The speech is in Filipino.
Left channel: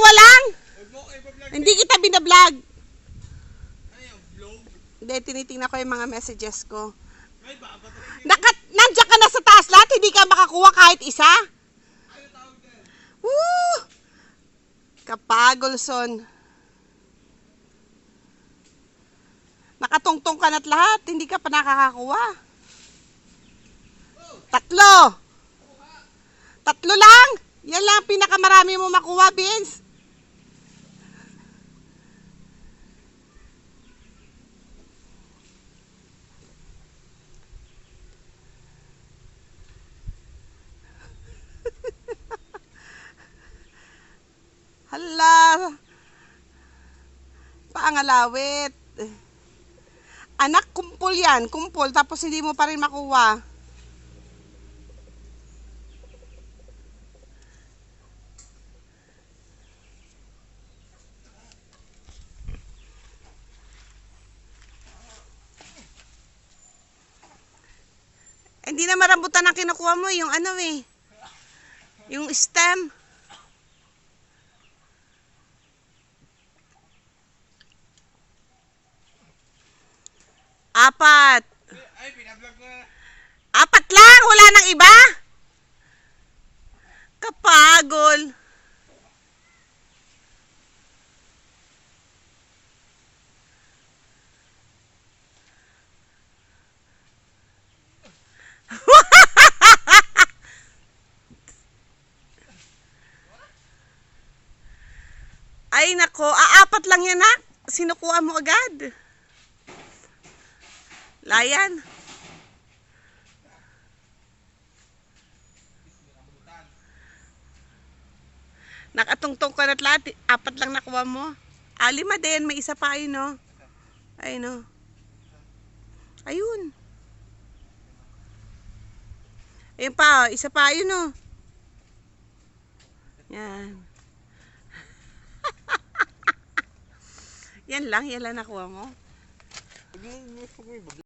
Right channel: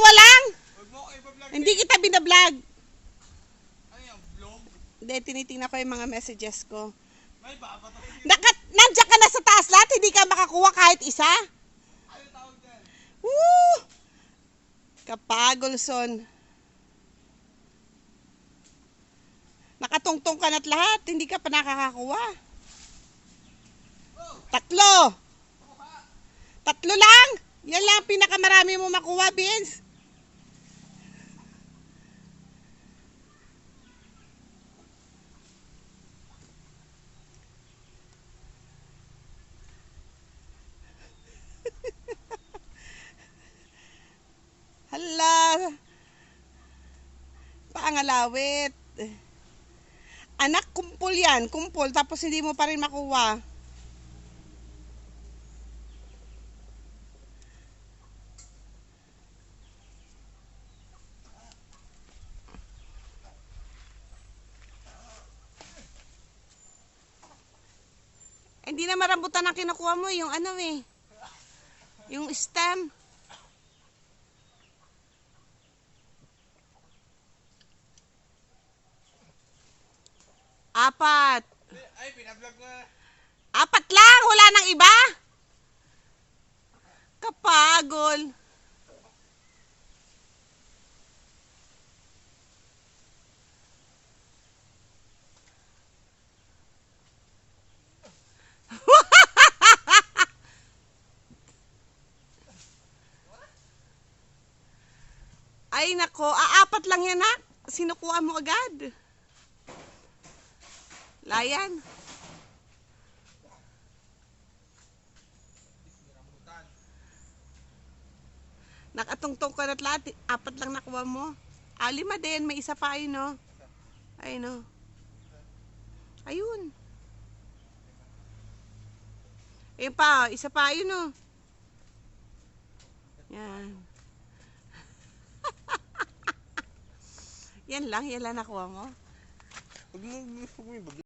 dalawa lang. Hindi kita binablog. Hindi, tinitingnan ko yung mga messages ko. Nandiyan ka na sa taas lahat, hindi ka makakuha kahit isa. Woo! Kapagolson. Nakatungtong ka na't lahat, hindi ka pa nakakakuha. Tatlo. Tatlo lang. Yan lang pinakamarami mo makuha, Vince. Hala. Paangalawit. Anak, kumpul yan. Kumpul. Tapos hindi mo pa rin makuha. Hindi na marambutan ang kinukuha mo. Yung ano eh. Yung stem. Apat. Ay, pinablog na. Apat lang. Wala nang iba. Kapagol. Ay nako, apat lang yan ha. Sinukuha mo agad. Layan. Nakatungtong ka na't lahat. Apat lang nakuha mo. Lima din. May isa pa ayun no. Ayun no. Ayun. Ayun pa. Isa pa ayun no. Yan. Yan lang nakuha mo.